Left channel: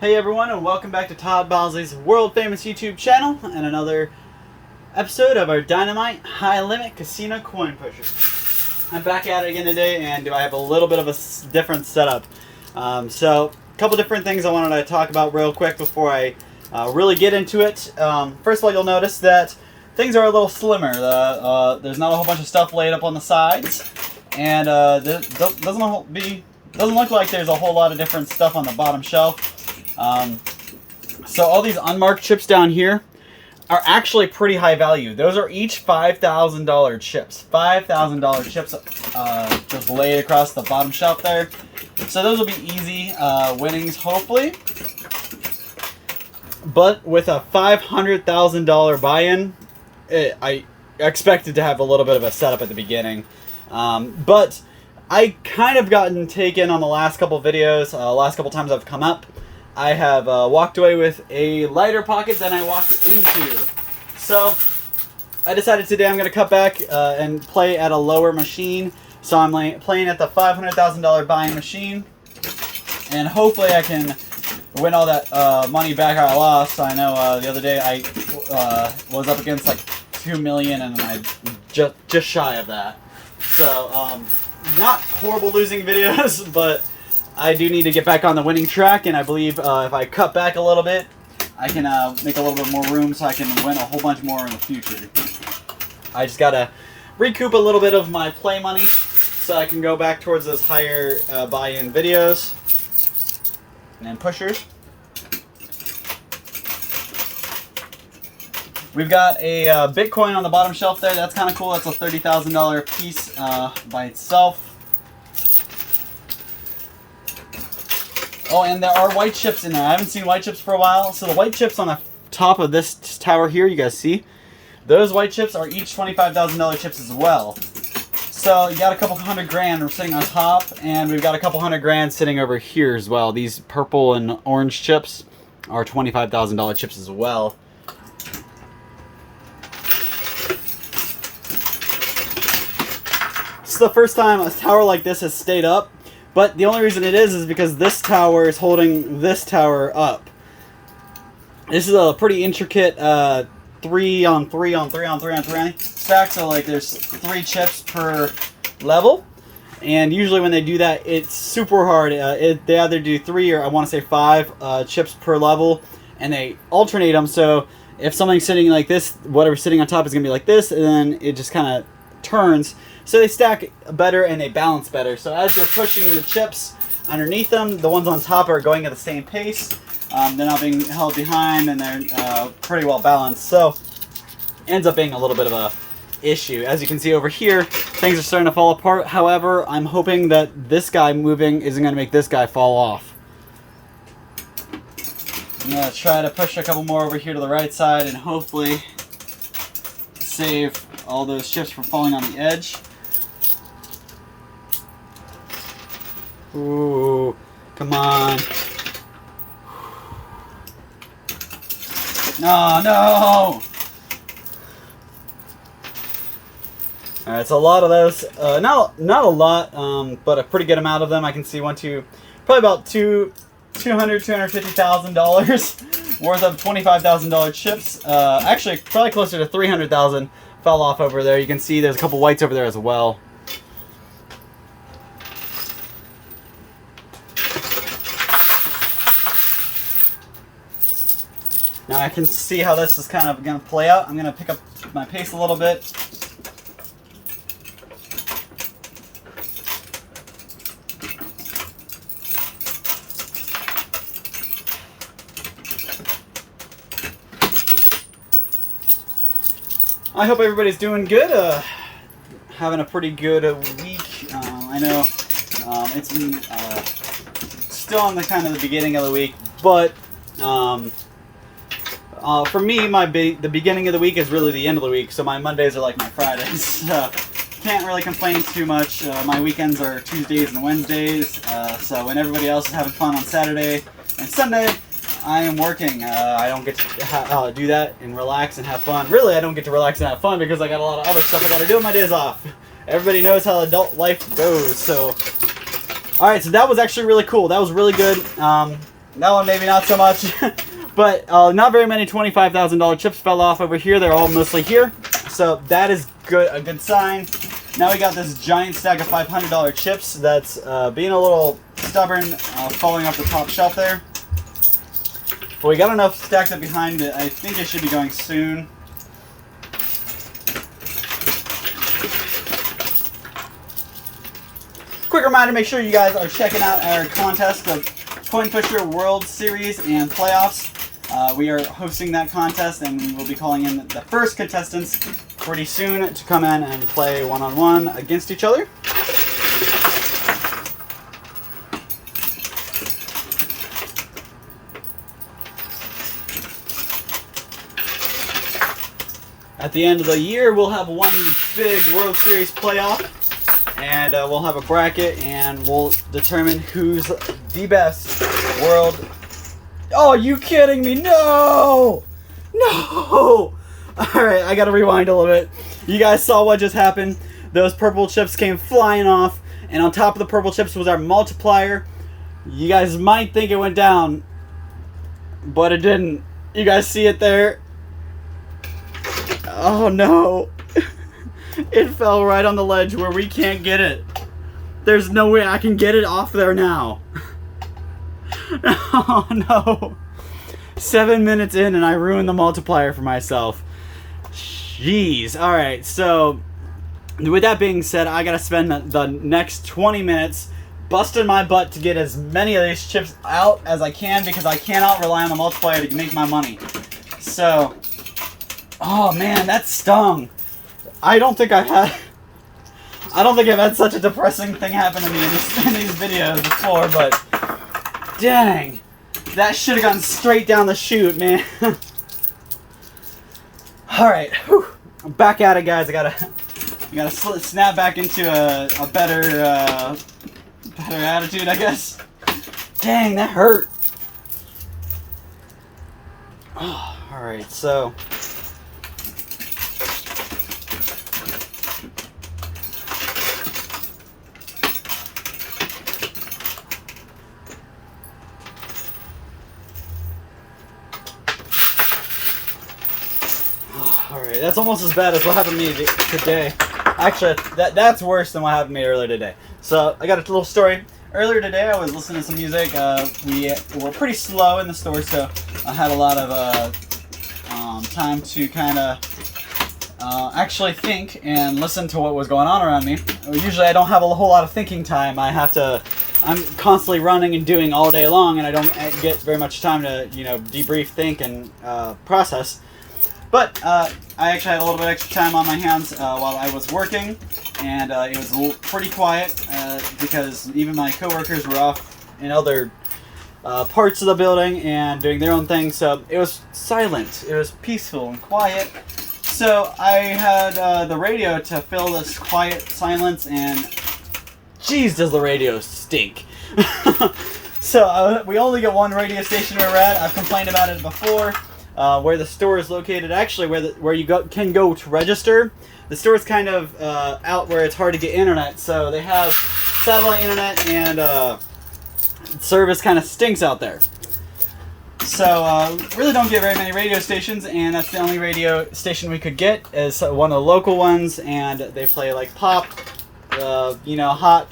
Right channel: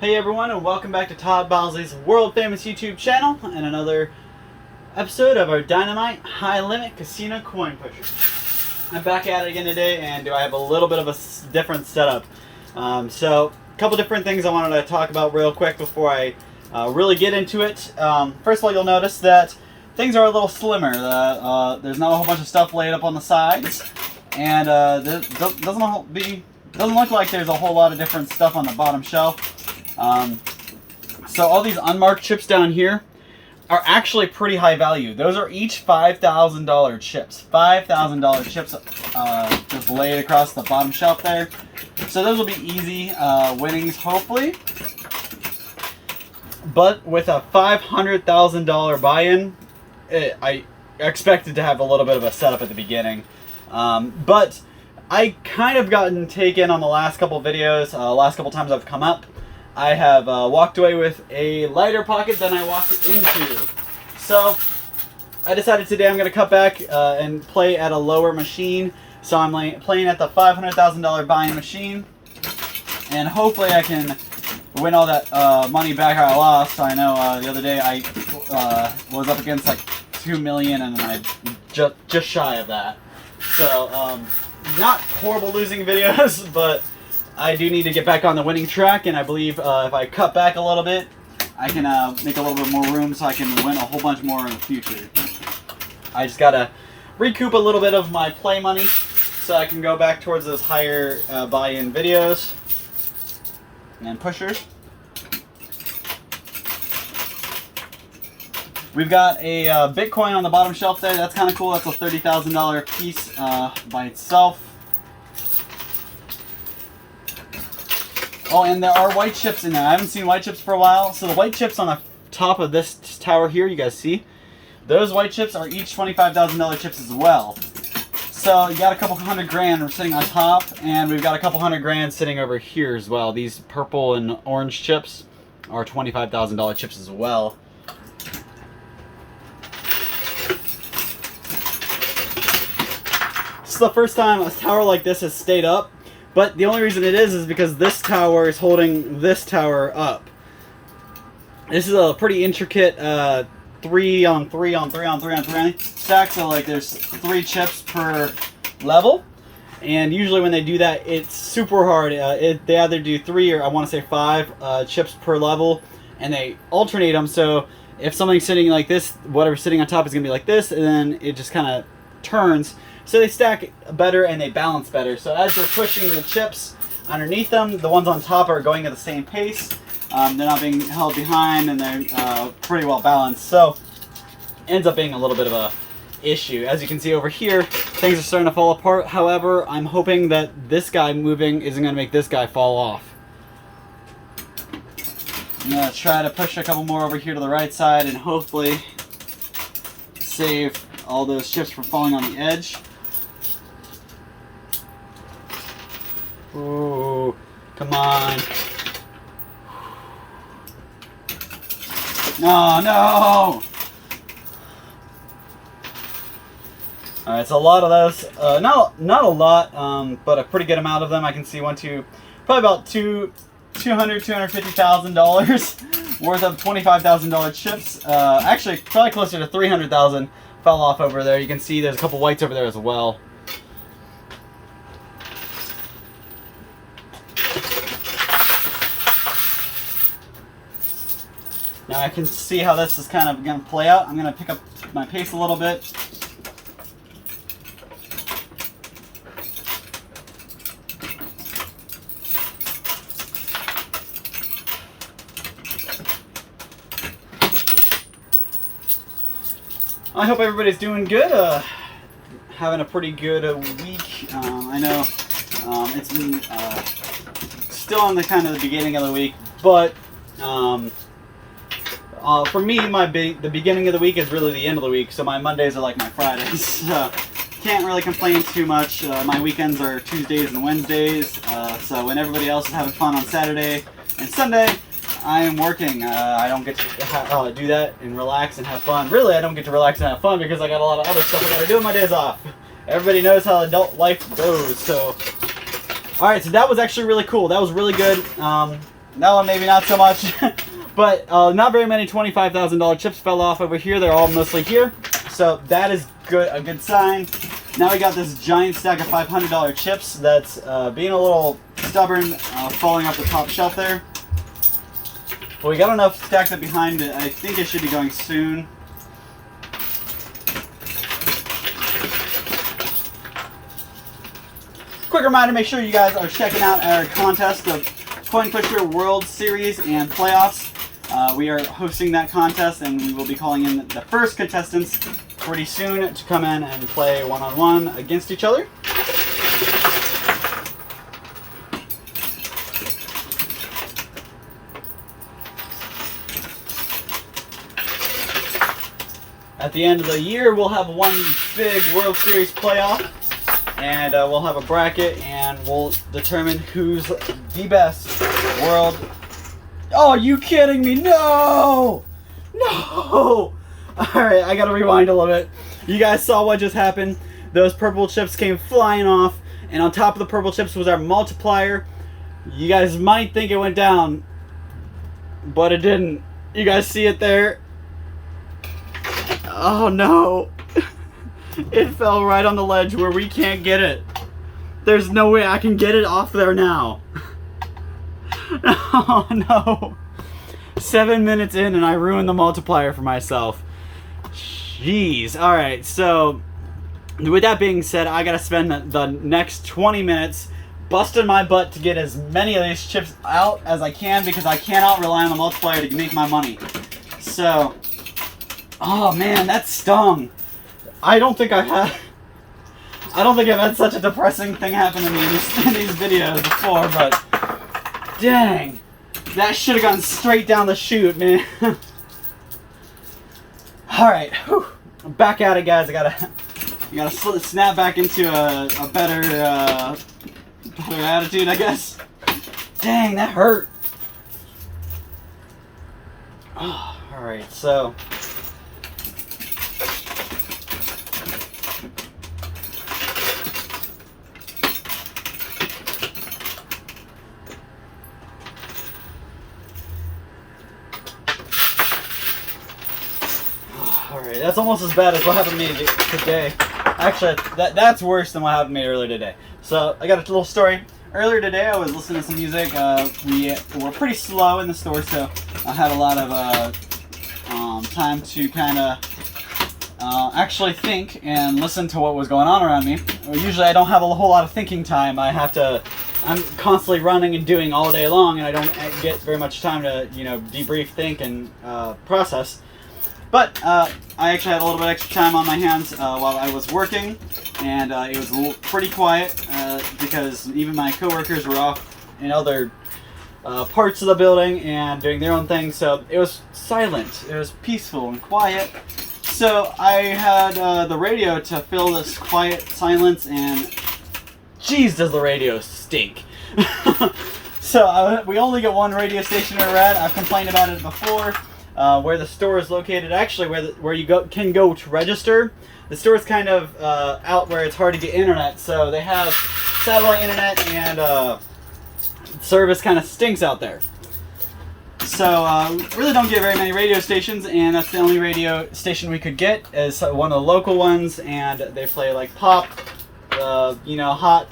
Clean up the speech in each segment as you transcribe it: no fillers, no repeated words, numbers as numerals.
Hey everyone, and welcome back to Todd Bosley's world famous YouTube channel and another episode of our Dynamite High Limit Casino Coin Pusher. I'm back at it again today, and I have a little bit of a different setup. So, a couple different things I wanted to talk about real quick before I really get into it. First of all, you'll notice that things are a little slimmer. There's not a whole bunch of stuff laid up on the sides, and doesn't look like there's a whole lot of different stuff on the bottom shelf. So all these unmarked chips down here are actually pretty high value. Those are each $5,000 chips. $5,000 chips just laid across the bottom shelf there. So those will be easy winnings, hopefully. But with a $500,000 buy-in, I expected to have a little bit of a setup at the beginning. But I kind of gotten taken on the last couple videos, last couple times I've come up. I have walked away with a lighter pocket than I walked into. So I decided today I'm going to cut back and play at a lower machine. So I'm playing at the $500,000 buy-in machine. And hopefully I can win all that money back I lost. So I know the other day I was up against like $2 million and I just shy of that. So not horrible losing videos, but I do need to get back on the winning track, and I believe if I cut back a little bit, I can make a little bit more room so I can win a whole bunch more in the future. I just gotta recoup a little bit of my play money so I can go back towards those higher buy-in videos and pushers. We've got a Bitcoin on the bottom shelf there. That's kind of cool. That's a $30,000 piece by itself. Oh, and there are white chips in there. I haven't seen white chips for a while. So the white chips on the top of this tower here, you guys see? Those white chips are each $25,000 chips as well. So you got a couple $100 grand sitting on top, and we've got a couple $100 grand sitting over here as well. These purple and orange chips are $25,000 chips as well. This is the first time a tower like this has stayed up. But the only reason it is because this tower is holding this tower up. This is a pretty intricate 3 on 3 on 3 on 3 on 3 stack. So like there's 3 chips per level. And usually when they do that, it's super hard. They either do 3 or I want to say 5 chips per level. And they alternate them. So if something's sitting like this, whatever's sitting on top is going to be like this. And then it just kind of turns. So they stack better and they balance better. So as you're pushing the chips underneath them, the ones on top are going at the same pace. They're not being held behind, and they're pretty well balanced. So it ends up being a little bit of a issue. As you can see over here, things are starting to fall apart. However, I'm hoping that this guy moving isn't going to make this guy fall off. I'm going to try to push a couple more over here to the right side and hopefully save all those chips from falling on the edge. Ooh, come on. No, no! Alright, so a lot of those, not a lot, but a pretty good amount of them. I can see probably about $250,000 worth of $25,000 chips. Actually, probably closer to $300,000 fell off over there. You can see there's a couple whites over there as well. Now I can see how this is kind of going to play out. I'm going to pick up my pace a little bit. I hope everybody's doing good. Having a pretty good week. I know it's been still in the kind of the beginning of the week, but for me, the beginning of the week is really the end of the week, so my Mondays are like my Fridays. So can't really complain too much. My weekends are Tuesdays and Wednesdays, so when everybody else is having fun on Saturday and Sunday, I am working. I don't get to do that and relax and have fun. Really, I don't get to relax and have fun because I got a lot of other stuff I got to do on my days off. Everybody knows how adult life goes, so... Alright, so that was actually really cool. That was really good. That one maybe not so much. But not very many $25,000 chips fell off over here. They're all mostly here. So that is good, a good sign. Now we got this giant stack of $500 chips that's being a little stubborn, falling off the top shelf there. But we got enough stacked up behind it. I think it should be going soon. Quick reminder, make sure you guys are checking out our contest of Coin Pusher World Series and Playoffs. We are hosting that contest, and we will be calling in the first contestants pretty soon to come in and play one-on-one against each other. At the end of the year, we'll have one big World Series playoff, and we'll have a bracket, and we'll determine who's the best world. Oh, are you kidding me? No! No! Alright, I gotta rewind a little bit. You guys saw what just happened. Those purple chips came flying off, and on top of the purple chips was our multiplier. You guys might think it went down, but it didn't. You guys see it there? Oh no. It fell right on the ledge where we can't get it. There's no way I can get it off there now. Oh no. 7 minutes in and I ruined the multiplier for myself. Jeez. Alright, so with that being said, I gotta spend the next 20 minutes busting my butt to get as many of these chips out as I can, because I cannot rely on the multiplier to make my money. So, oh man, that stung. I don't think I've had such a depressing thing happen to me in these videos before, but dang, that should have gone straight down the chute, man. Alright, back at it, guys. I gotta snap back into a better attitude, I guess. Dang, that hurt. Oh, alright, so alright, that's almost as bad as what happened to me today. Actually, that's worse than what happened to me earlier today. So, I got a little story. Earlier today, I was listening to some music. We were pretty slow in the store, so I had a lot of time to kind of actually think and listen to what was going on around me. Usually, I don't have a whole lot of thinking time. I'm constantly running and doing all day long, and I don't get very much time to, debrief, think, and process. But I actually had a little bit extra time on my hands while I was working, and it was pretty quiet because even my coworkers were off in other parts of the building and doing their own thing, so it was silent. It was peaceful and quiet. So I had the radio to fill this quiet silence, and jeez, does the radio stink. So we only get one radio station where we're at. I've complained about it before. Where the store is located, actually where you can go to register. The store is kind of out where it's hard to get internet, so they have satellite internet, and service kind of stinks out there. So really don't get very many radio stations, and that's the only radio station we could get is one of the local ones, and they play like pop, hot,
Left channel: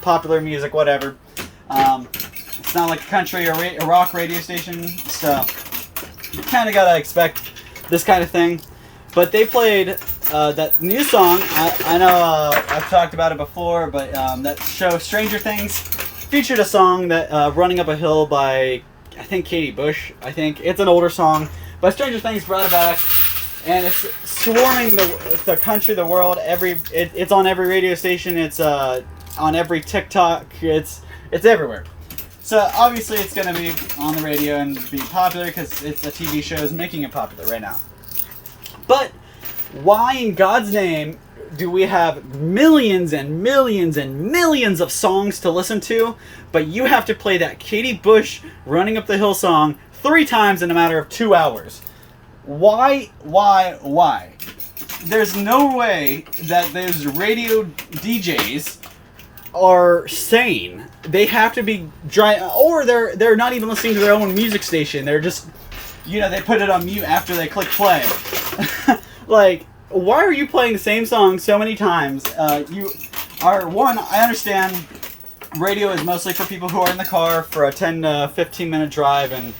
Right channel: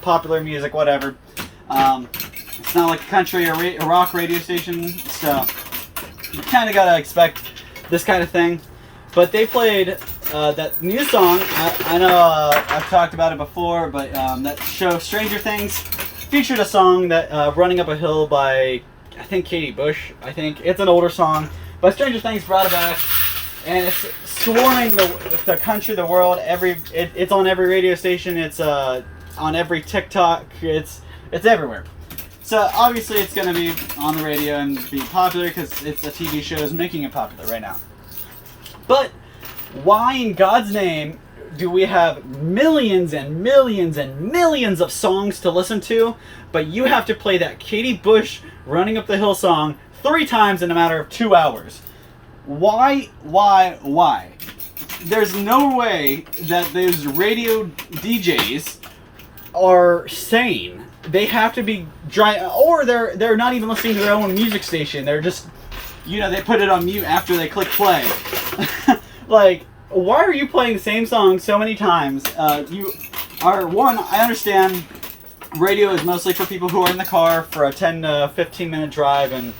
popular music, whatever. It's not like a country or rock radio station, so you kind of gotta expect this kind of thing. But they played that new song. I know I've talked about it before, but that show Stranger Things featured a song that Running Up a Hill by, I think, Katie Bush. I think it's an older song, but Stranger Things brought it back, and it's swarming the country, the world. It's on every radio station. It's on every TikTok. It's everywhere. So obviously it's going to be on the radio and be popular because it's a TV show is making it popular right now. But why in God's name do we have millions and millions and millions of songs to listen to, but you have to play that Katie Bush Running Up the Hill song 3 times in a matter of 2 hours? Why? There's no way that there's radio DJs are sane. They have to be dry, or they're not even listening to their own music station. They're just, they put it on mute after they click play. Like, why are you playing the same song so many times? I understand radio is mostly for people who are in the car for a 10 to 15 minute drive, and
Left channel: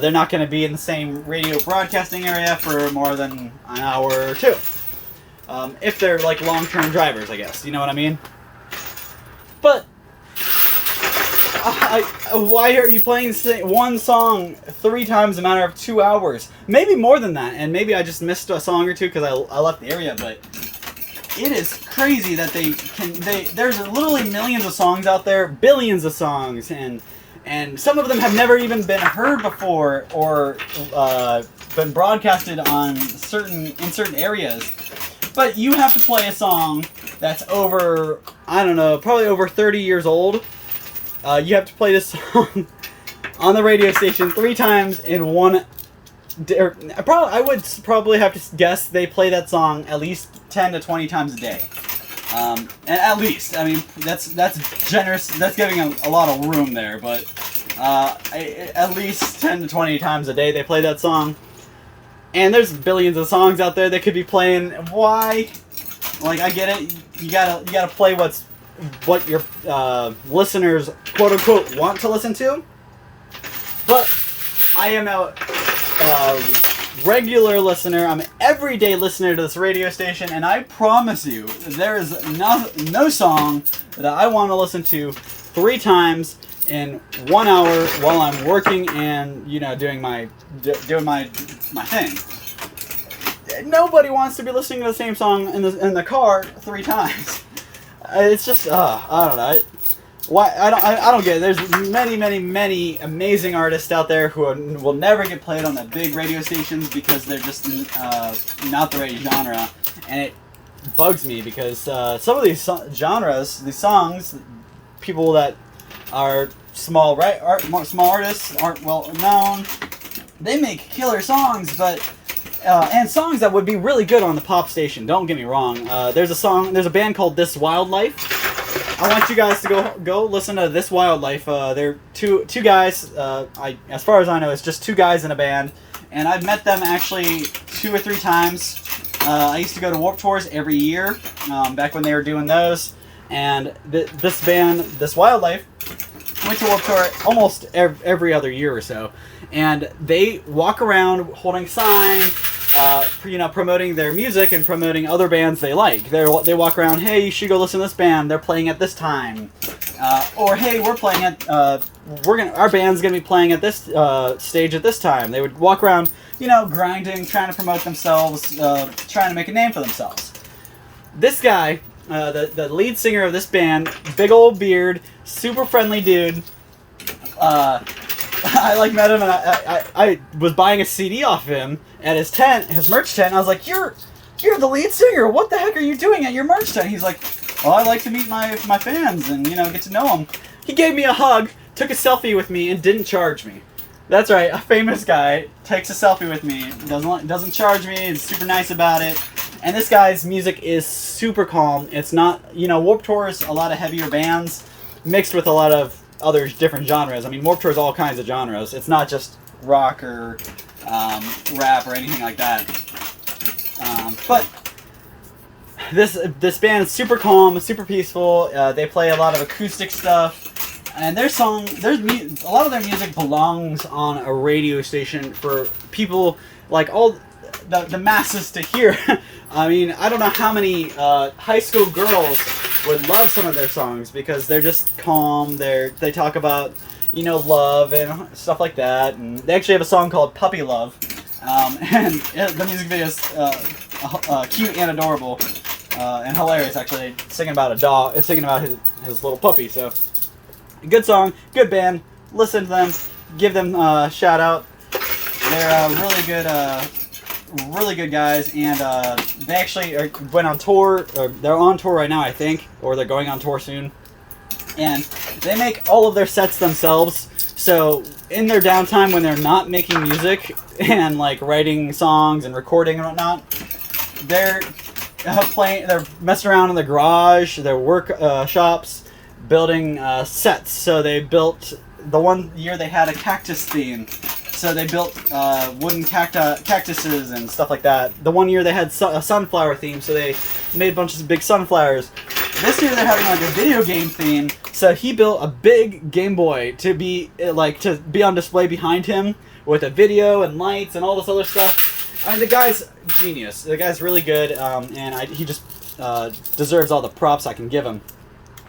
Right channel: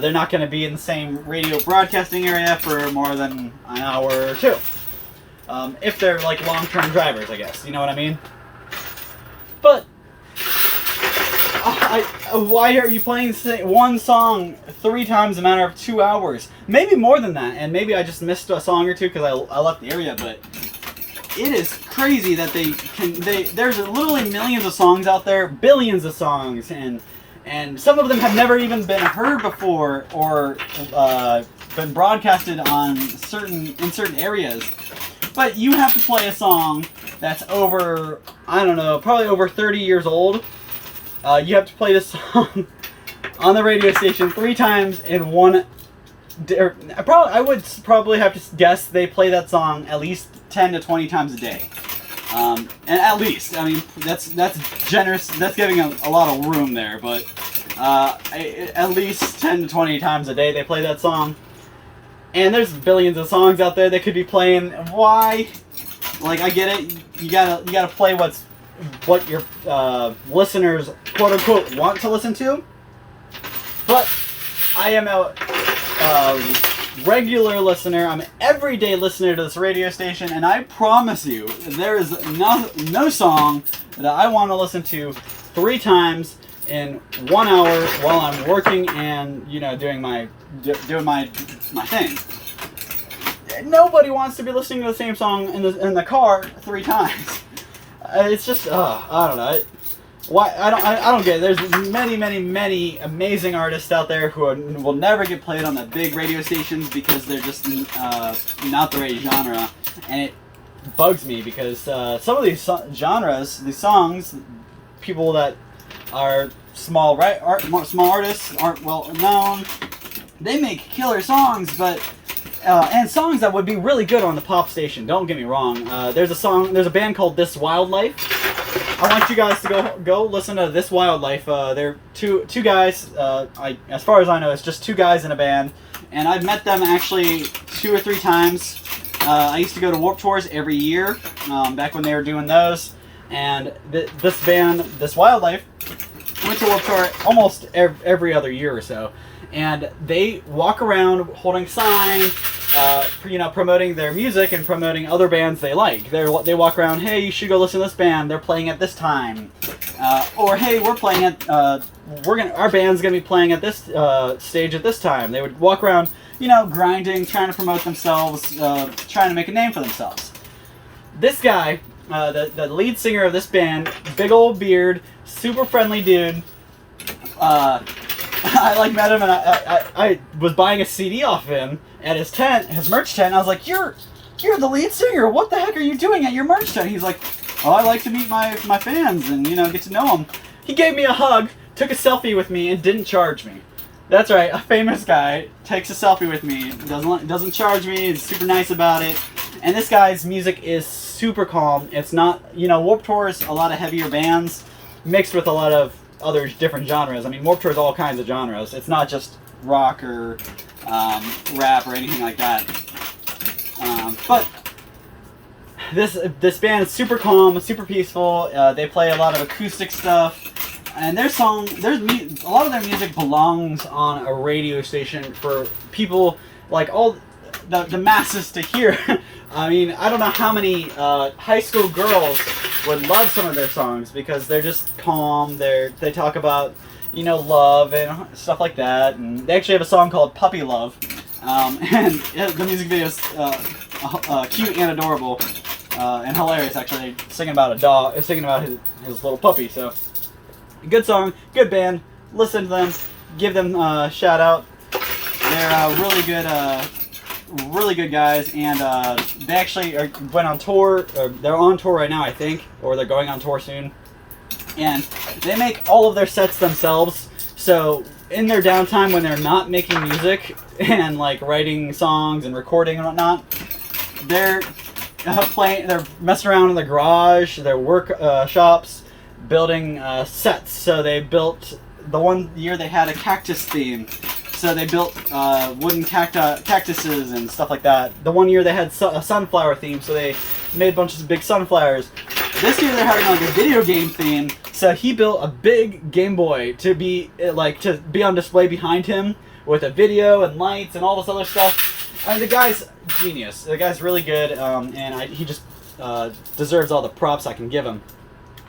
they're not going to be in the same radio broadcasting area for more than an hour or two. If they're like long-term drivers, I guess. You know what I mean? But why are you playing one song 3 times in a matter of 2 hours? Maybe more than that, and maybe I just missed a song or two because I left the area, but it is crazy that there's literally millions of songs out there, billions of songs, and some of them have never even been heard before or been broadcasted in certain areas. But you have to play a song that's over, I don't know, probably over 30 years old. You have to play this song on the radio station 3 times in one day. I would probably have to guess they play that song at least 10 to 20 times a day. And at least, I mean, that's generous. That's giving a lot of room there, but at least 10 to 20 times a day they play that song. And there's billions of songs out there they could be playing. Why? Like, I get it. You gotta play what your listeners, quote unquote, want to listen to. But I am a regular listener. I'm an everyday listener to this radio station, and I promise you, there is no song that I want to listen to 3 times in 1 hour while I'm working and doing my thing. Nobody wants to be listening to the same song in the car 3 times. It's just I don't know. Why I don't get it. There's many amazing artists out there who will never get played on the big radio stations because they're just not the right genre, and it bugs me because some of these genres, these songs, people that are small artists aren't well known. They make killer songs, but and songs that would be really good on the pop station. Don't get me wrong. There's a band called This Wildlife. I want you guys to go listen to This Wildlife. They're two guys. As far as I know, it's just 2 guys in a band, and I've met them actually 2 or 3 times. I used to go to Warped Tours every year back when they were doing those, and this band, This Wildlife, went to Warped Tour almost every other year or so, and they walk around holding signs, promoting their music and promoting other bands they like. They walk around, hey, you should go listen to this band. They're playing at this time, or hey, we're playing at our band's gonna be playing at this stage at this time. They would walk around, grinding, trying to promote themselves, trying to make a name for themselves. This guy, the lead singer of this band, big old beard, super friendly dude. I met him, and I was buying a CD off of him at his tent, his merch tent. I was like, "You're the lead singer. What the heck are you doing at your merch tent?" He's like, "Oh, I like to meet my fans and get to know them." He gave me a hug, took a selfie with me, and didn't charge me. That's right, a famous guy takes a selfie with me, doesn't charge me. He's super nice about it. And this guy's music is super calm. It's not, Warped Tour is a lot of heavier bands mixed with a lot of other different genres. I mean, Warped Tour is all kinds of genres. It's not just rock or rap or anything like that. But this band is super calm, super peaceful. They play a lot of acoustic stuff, and a lot of their music belongs on a radio station for people like all the masses to hear. I mean, I don't know how many high school girls would love some of their songs because they're just calm. They talk about, love and stuff like that. And they actually have a song called Puppy Love. And the music video is cute and adorable and hilarious, actually. Singing about a dog, singing about his little puppy. So, good song, good band. Listen to them, give them a shout out. They're really good guys, and they actually went on tour. Or they're on tour right now, I think, or they're going on tour soon. And they make all of their sets themselves. So in their downtime, when they're not making music and like writing songs and recording and whatnot, they're playing. They're messing around in the garage, their workshops, building sets. So they built, the one year they had a cactus theme. So they built wooden cactuses and stuff like that. The one year they had a sunflower theme, so they made bunches of big sunflowers. This year they're having like a video game theme, so he built a big Game Boy to be on display behind him with a video and lights and all this other stuff. And the guy's genius. The guy's really good, and he just deserves all the props I can give him.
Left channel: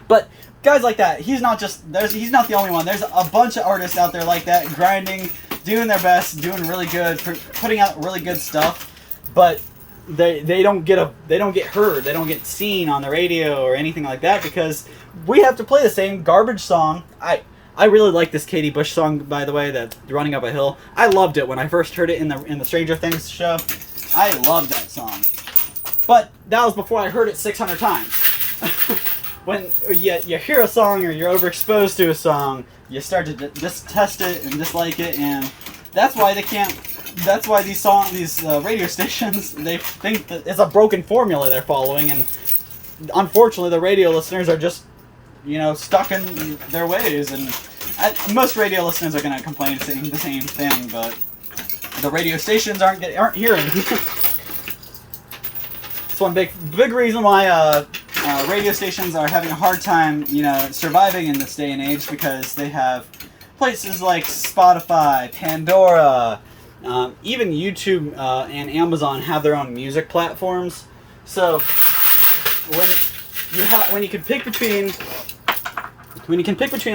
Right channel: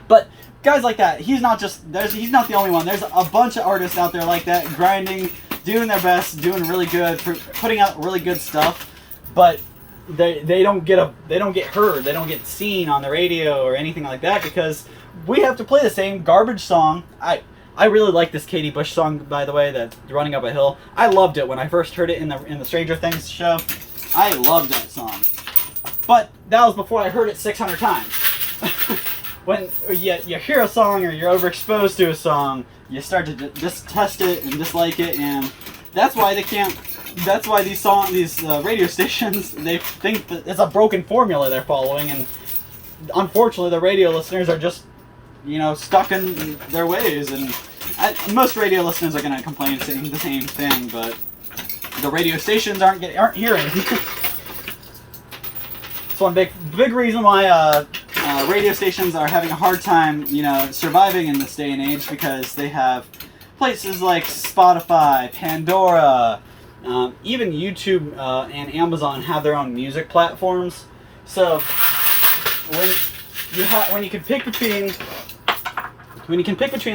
But guys like that, he's not the only one. There's a bunch of artists out there like that, grinding, doing their best, doing really good, putting out really good stuff, but they don't get heard, they don't get seen on the radio or anything like that because we have to play the same garbage song. I really like this Katie Bush song, by the way, that Running Up a Hill. I loved it when I first heard it in the Stranger Things show. I loved that song, but that was before I heard it 600 times. When you hear a song or you're overexposed to a song, you start to just test it and dislike it, and that's why they can't. That's why these radio stations, they think that it's a broken formula they're following, and unfortunately, the radio listeners are just, stuck in their ways. And most radio listeners are going to complain saying the same thing, but the radio stations aren't hearing. It's one big reason why radio stations are having a hard time, surviving in this day and age, because they have places like Spotify, Pandora, even YouTube and Amazon have their own music platforms. So when you can pick between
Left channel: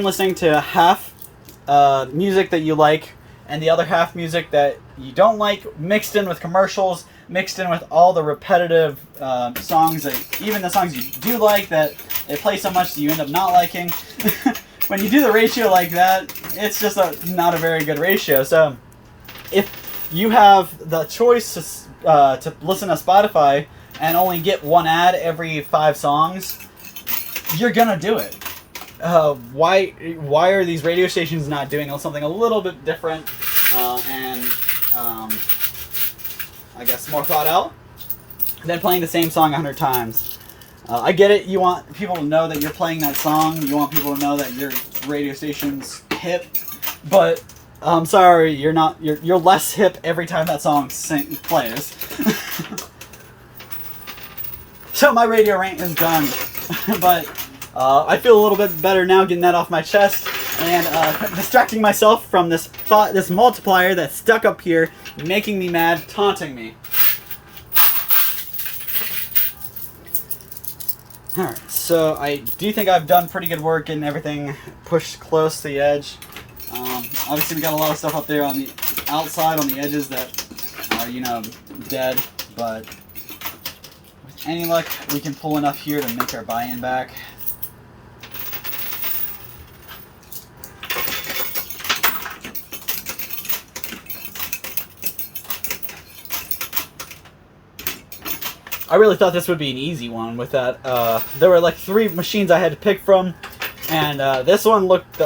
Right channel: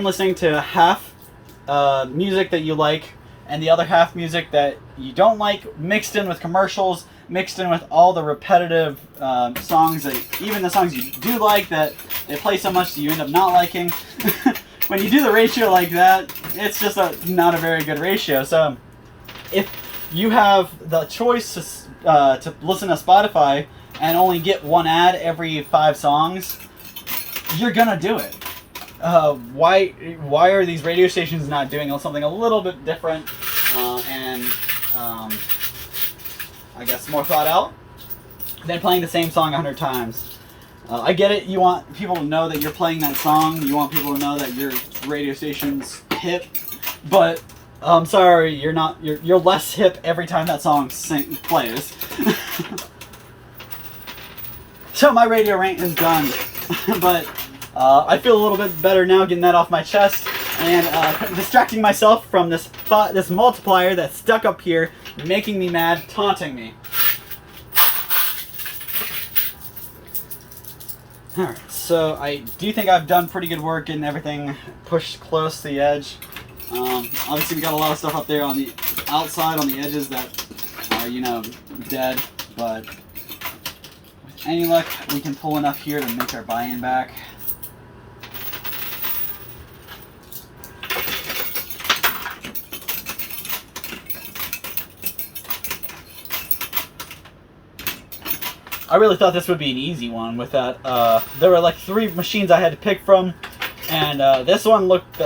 listening to half music that you like and the other half music that you don't like, mixed in with commercials, mixed in with all the repetitive songs, that even the songs you do like that they play so much that you end up not liking. When you do the ratio like that, it's just not a very good ratio. So if you have the choice to listen to Spotify and only get one ad every 5 songs, you're gonna do it. Why are these radio stations not doing something a little bit different and I guess more thought out than playing the same song 100 times? I get it. You want people to know that you're playing that song. You want people to know that your radio station's hip. But I'm sorry, you're not. You're less hip every time that song plays. So my radio rant is done. But I feel a little bit better now getting that off my chest and distracting myself from this multiplier that's stuck up here, making me mad, taunting me. Alright, so I do think I've done pretty good work getting everything pushed close to the edge. Obviously we got a lot of stuff up there on the outside, on the edges that are, dead, but with any luck we can pull enough here to make our buy-in back. I really thought this would be an easy one with that. There were like 3 machines I had to pick from, and this one looked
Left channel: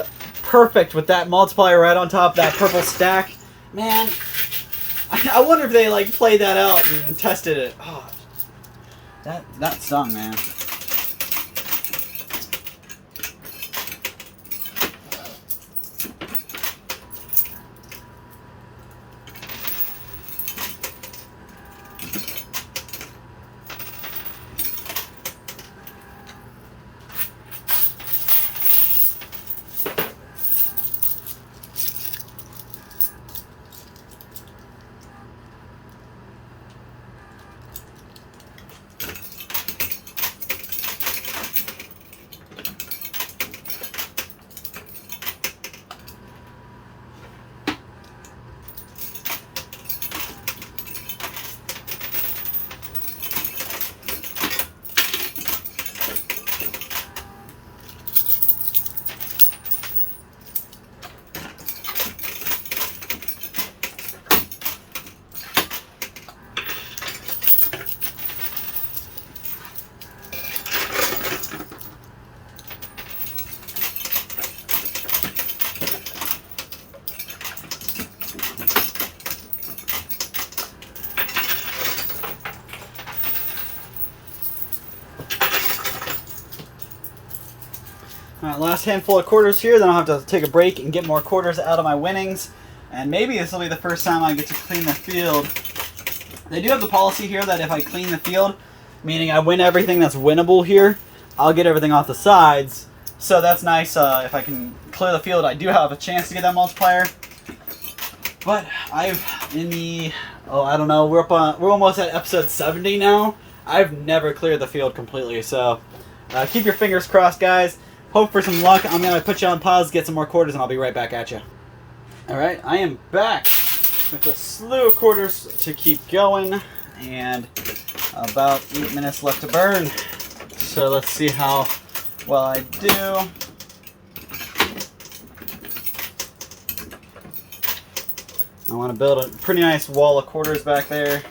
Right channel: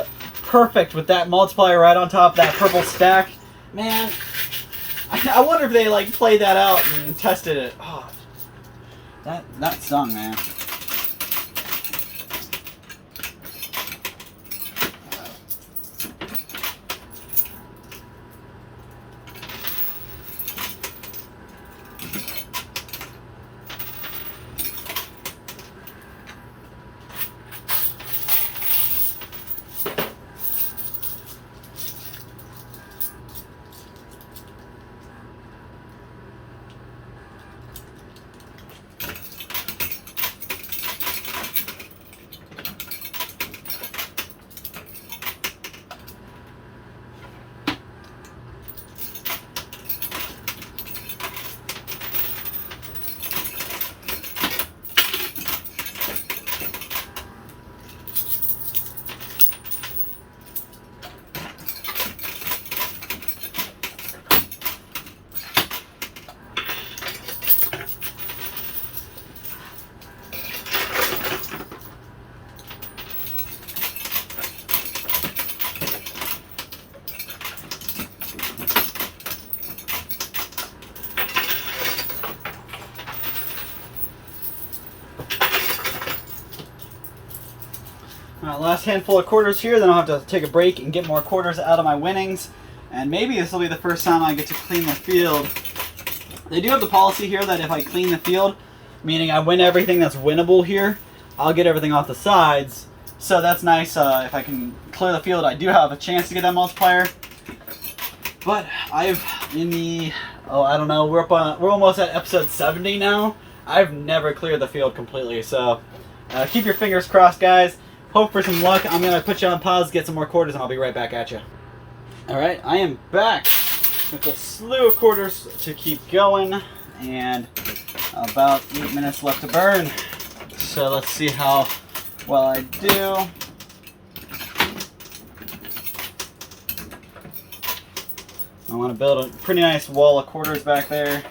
perfect with that multiplier right on top, that purple stack. Man, I wonder if they like played that out and tested it. Oh, that stung, man. All right, last handful of quarters here, then I'll have to take a break and get more quarters out of my winnings. And maybe this will be the first time I get to clean the field. They do have the policy here that if I clean the field, meaning I win everything that's winnable here, I'll get everything off the sides. So that's nice. If I can clear the field, I do have a chance to get that multiplier. But I don't know, we're almost at episode 70 now. I've never cleared the field completely, so keep your fingers crossed, guys. Hope for some luck. I'm going to put you on pause, get some more quarters, and I'll be right back at you. Alright, I am back with a slew of quarters to keep going, and about 8 minutes left to burn. So let's see how well I do. I want to build a pretty nice wall of quarters back there.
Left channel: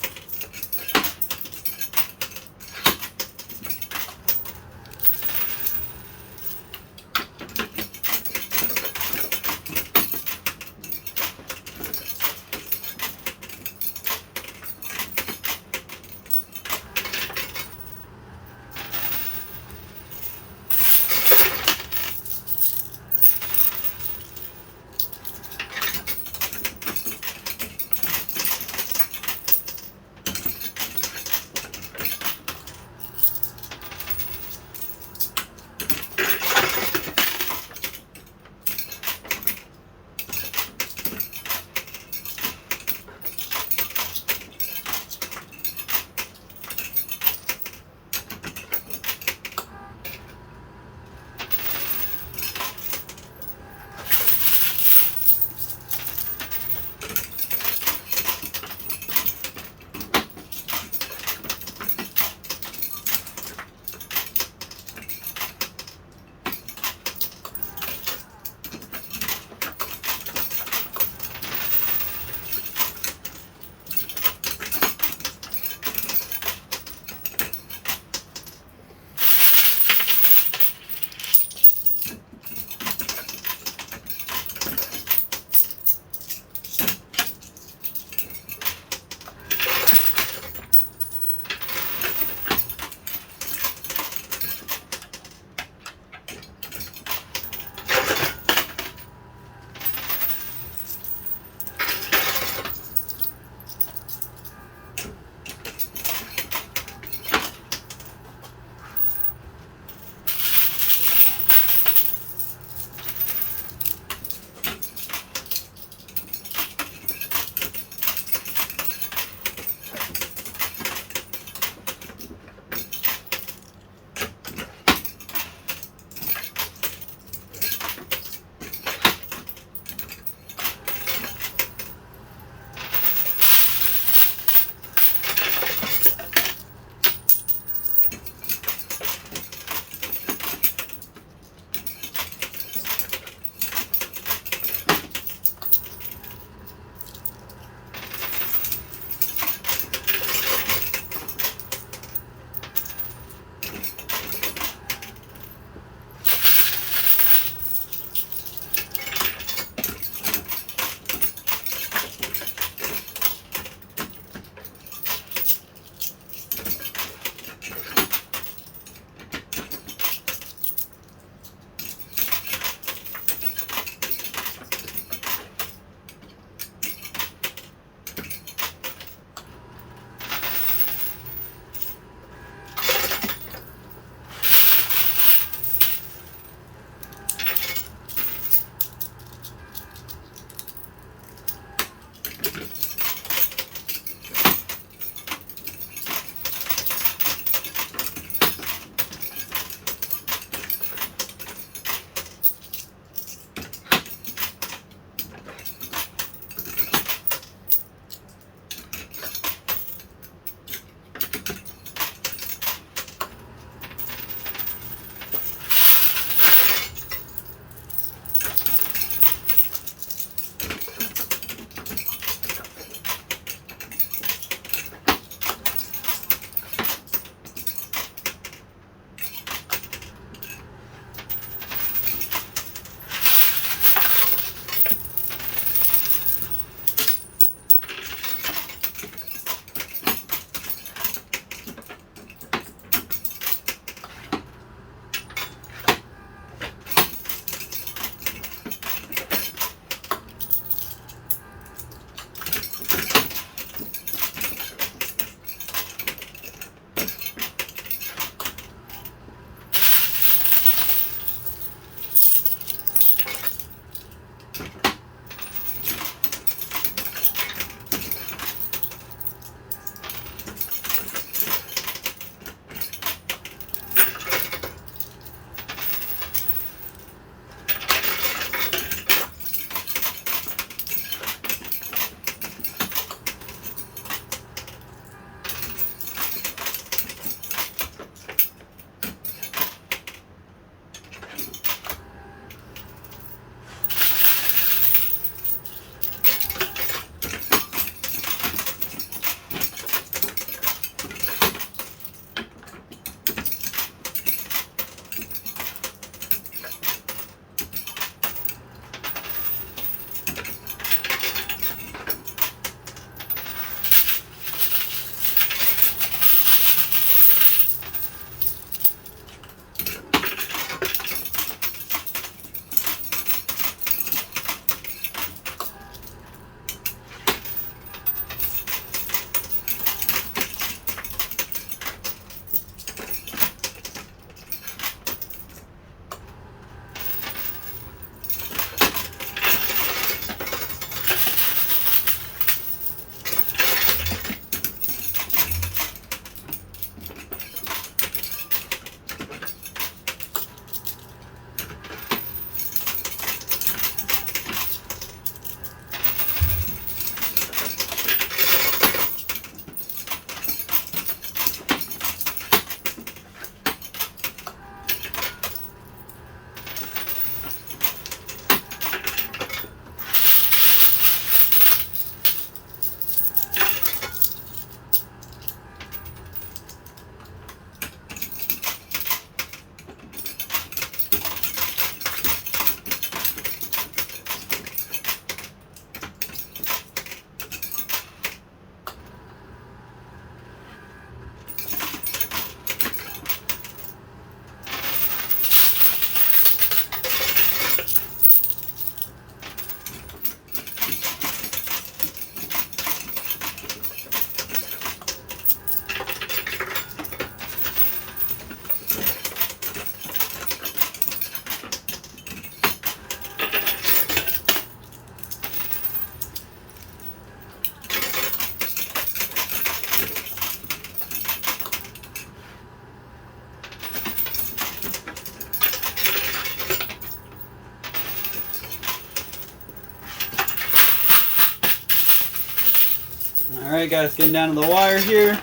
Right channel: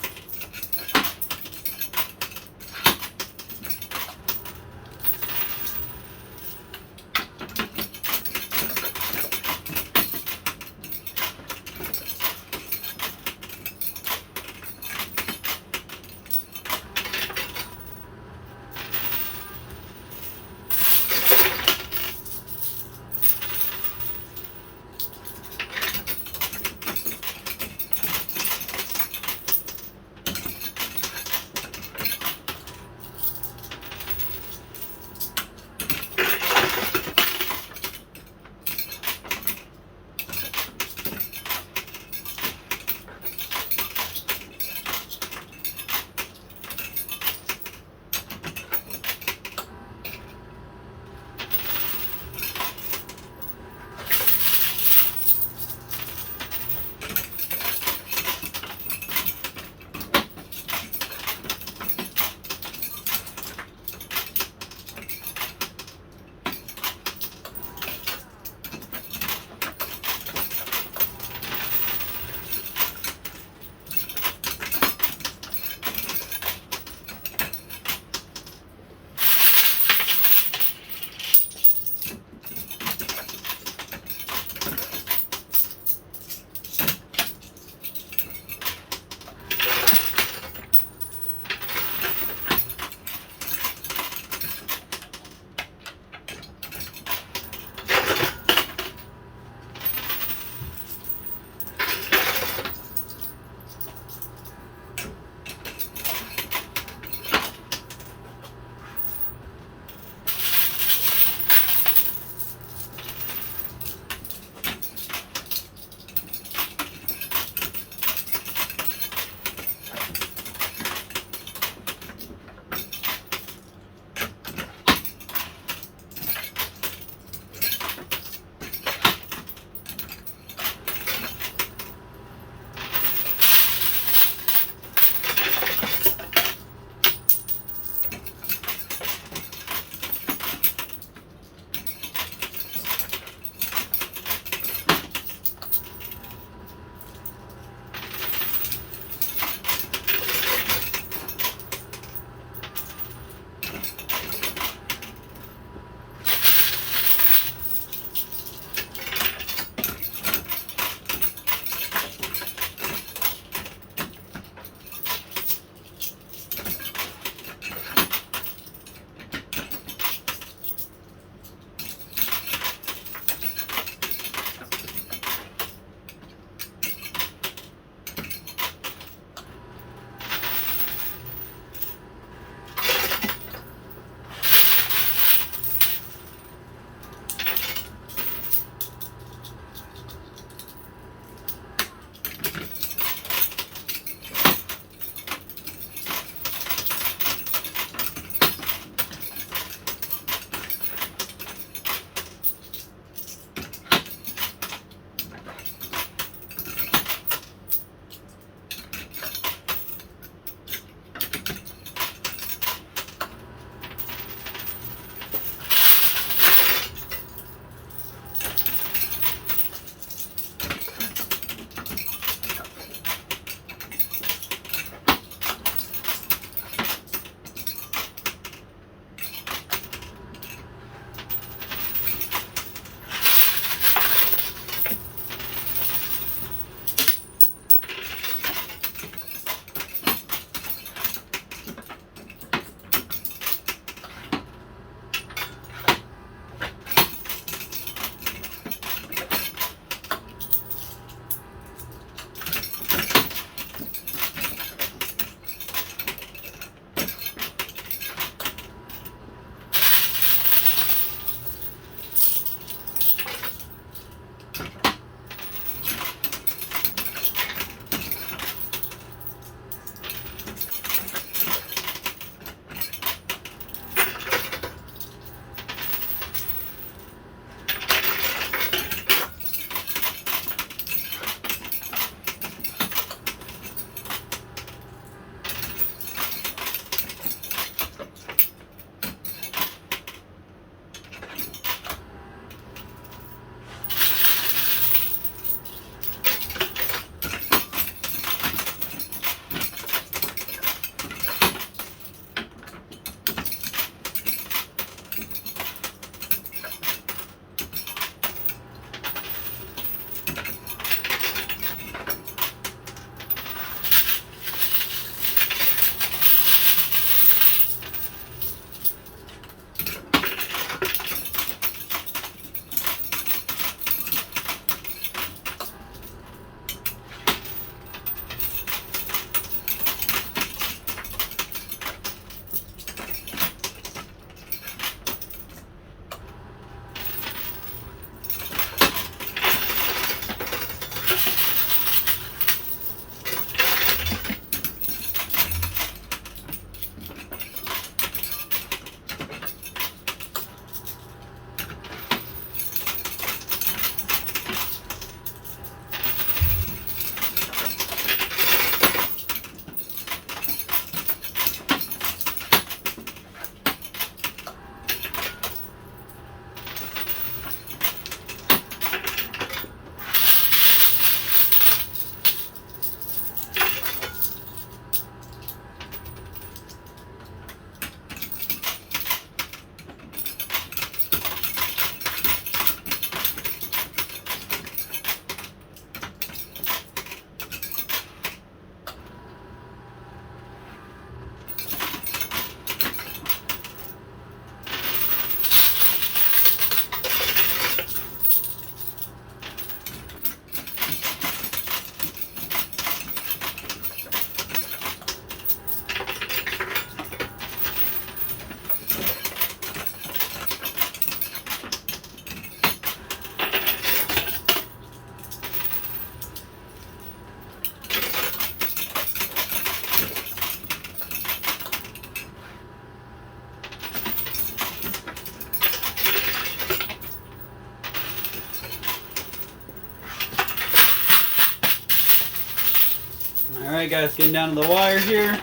Alright guys, getting down to the wire here.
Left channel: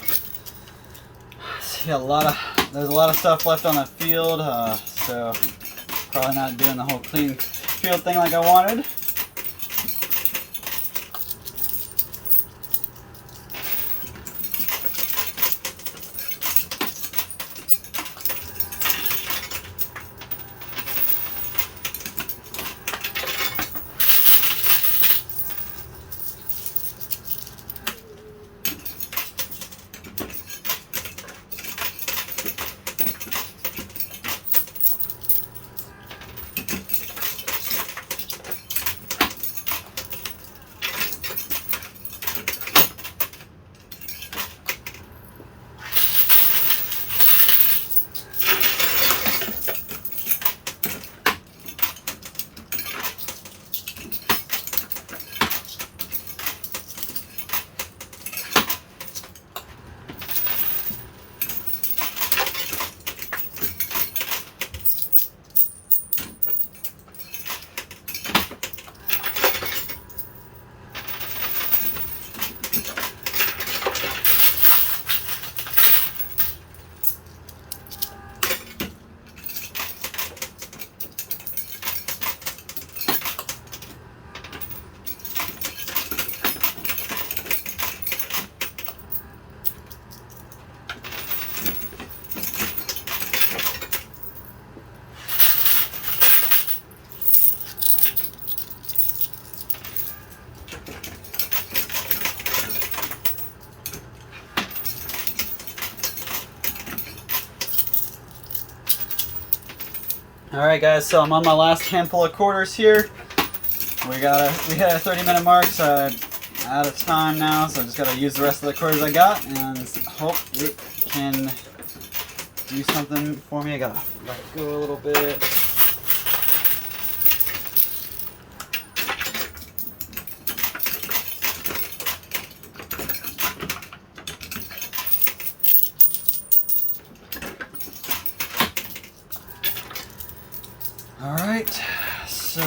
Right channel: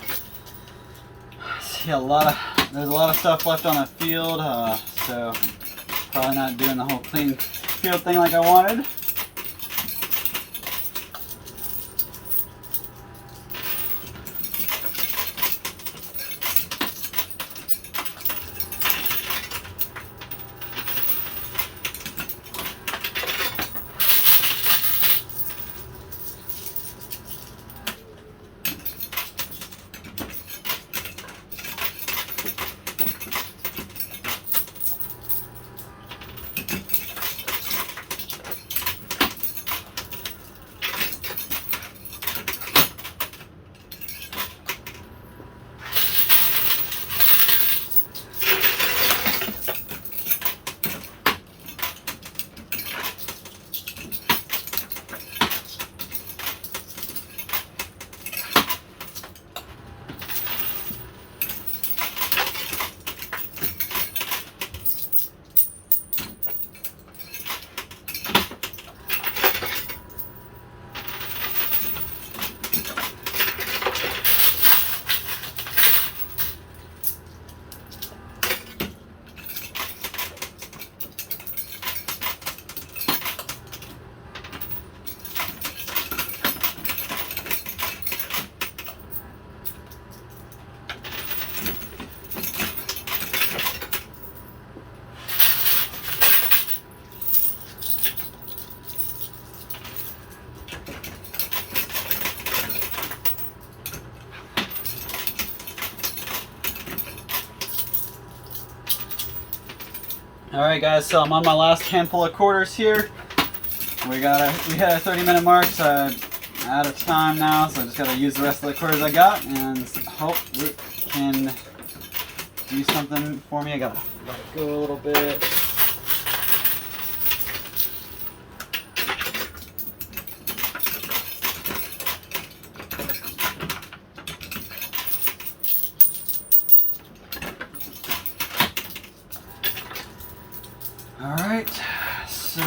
See there's a lot of stuff left on the field, so probably not doing the whole clean field thing like I wanted. Alright guys, so I'm on my last handful of quarters here. We hit a 30-minute mark, so I'm out of time now, so I just gotta use the rest of the quarters I got and hope it can do something for me. I gotta let it go a little bit. Alright, so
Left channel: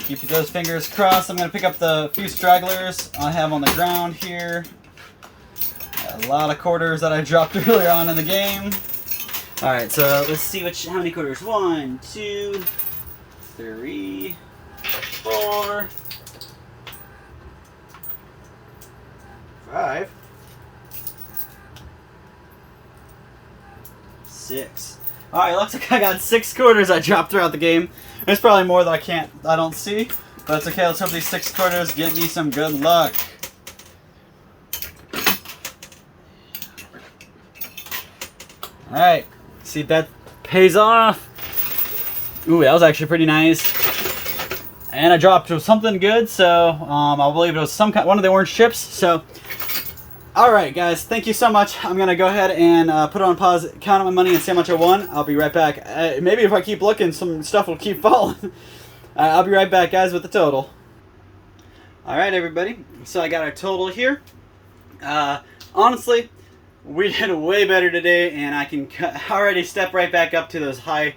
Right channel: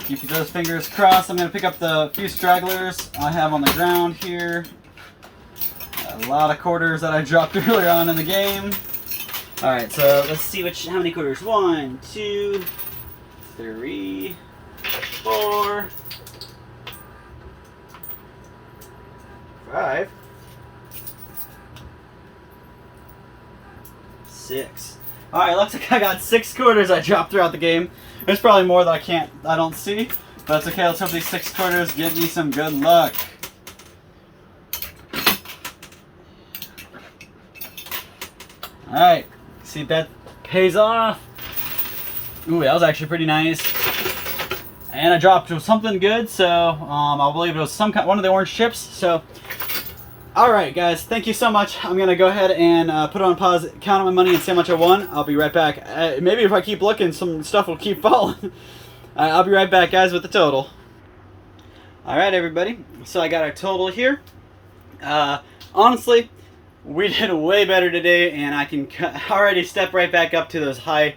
keep those fingers crossed. I'm going to pick up the few stragglers I have on the ground here. A lot of quarters that I dropped earlier on in the game. Alright, so let's see how many quarters. 1, 2, 3, 4, 5, 6. Alright, looks like I got 6 quarters I dropped throughout the game. There's probably more that I don't see. But it's okay, let's hope these 6 quarters get me some good luck. Alright, see that pays off. Ooh, that was actually pretty nice. And I dropped something good, so I believe it was one of the orange chips. So, alright guys, thank you so much. I'm going to go ahead and put it on pause, count out my money, and see how much I won. I'll be right back. Maybe if I keep looking, some stuff will keep falling. I'll be right back, guys, with the total. Alright, everybody. So I got our total here. Honestly, we did way better today, and I can already step right back up to those higher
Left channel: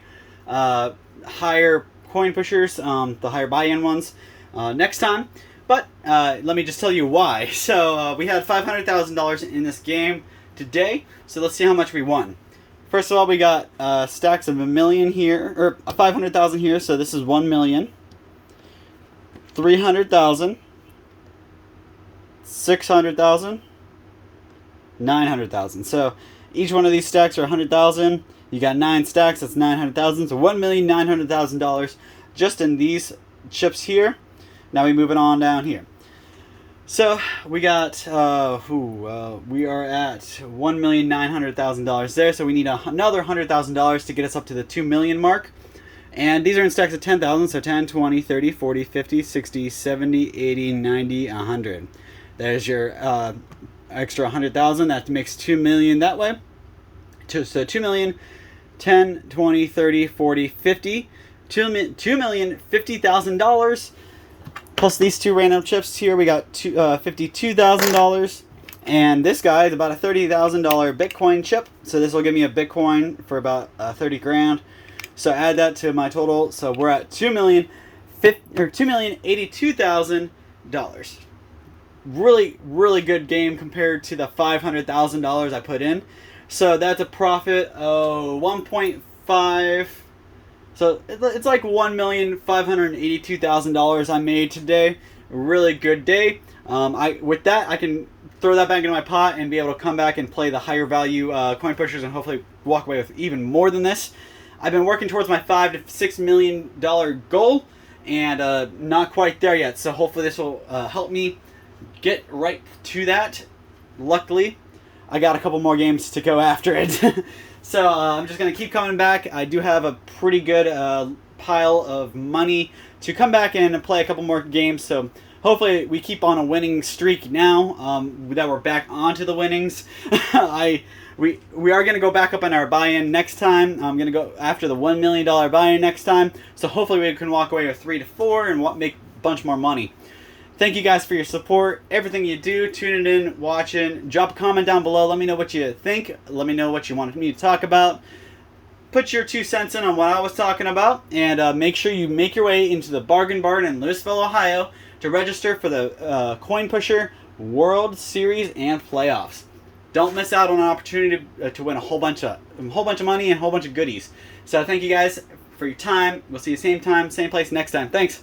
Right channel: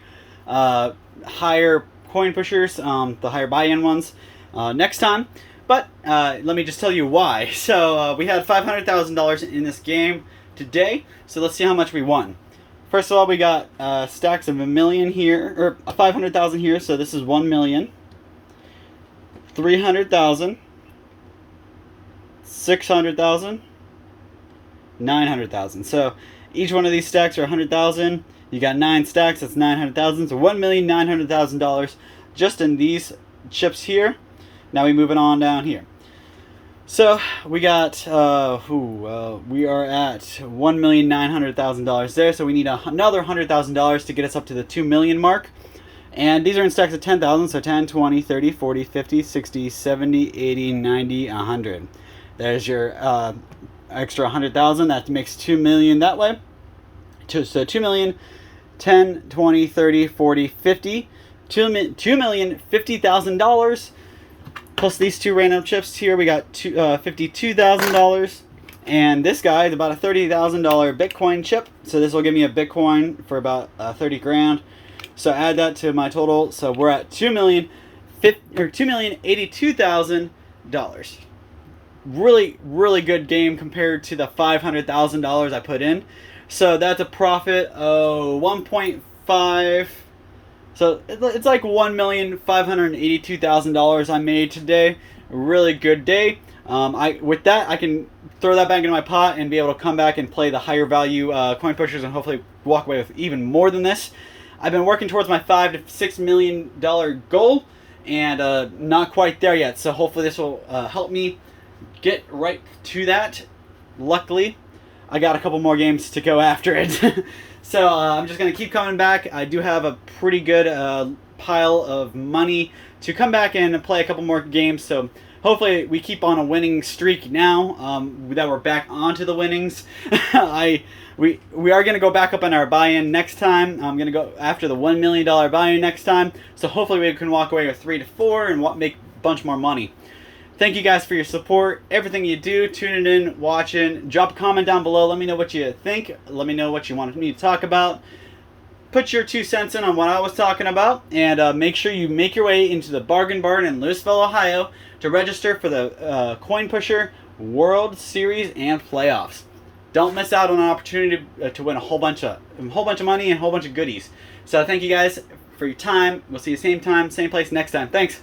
coin pushers, the higher buy-in ones, next time. But let me just tell you why. So we had $500,000 in this game today. So let's see how much we won. First of all, we got stacks of $1 million here, or 500,000 here. So this is 1 million, 300,000, 600,000, 900,000. So each one of these stacks are 100,000. You got 9 stacks. That's 900,000. So $1,900,000 just in these chips here. Now we moving on down here. So we got we are at $1,900,000 there. So we need another $100,000 to get us up to the 2 million mark. And these are in stacks of 10,000. So 10, 20, 30, 40, 50, 60, 70, 80, 90, 100. There's your extra 100,000. That makes 2 million that way. So 2 million, 10, 20, 30, 40, 50. $2,050,000. Plus these 2 random chips here, we got $52,000. And this guy is about a $30,000 Bitcoin chip. So this will give me a Bitcoin for about 30 grand. So add that to my total. So we're at $2,082,000. really good game compared to the $500,000 I put in. So that's a profit of 1.5. So it's like $1,582,000 I made today. A really good day. With that, I can throw that back into my pot and be able to come back and play the higher value coin pushers and hopefully walk away with even more than this. I've been working towards my $5 to $6 million goal, and not quite there yet. So hopefully this will help me get right to that. Luckily, I got a couple more games to go after it. So I'm just going to keep coming back. I do have a pretty good pile of money to come back and play a couple more games. So hopefully we keep on a winning streak now that we're back onto the winnings. We are going to go back up on our buy-in next time. I'm going to go after the $1 million buy-in next time. So hopefully we can walk away with 3 to 4 and make a bunch more money. Thank you guys for your support, everything you do, tuning in, watching. Drop a comment down below. Let me know what you think. Let me know what you want me to talk about. Put your 2 cents in on what I was talking about. And make sure you make your way into the Bargain Barn in Louisville, Ohio to register for the Coin Pusher World Series and Playoffs. Don't miss out on an opportunity to win a whole bunch of money and a whole bunch of goodies. So thank you guys for your time. We'll see you same time, same place next time. Thanks.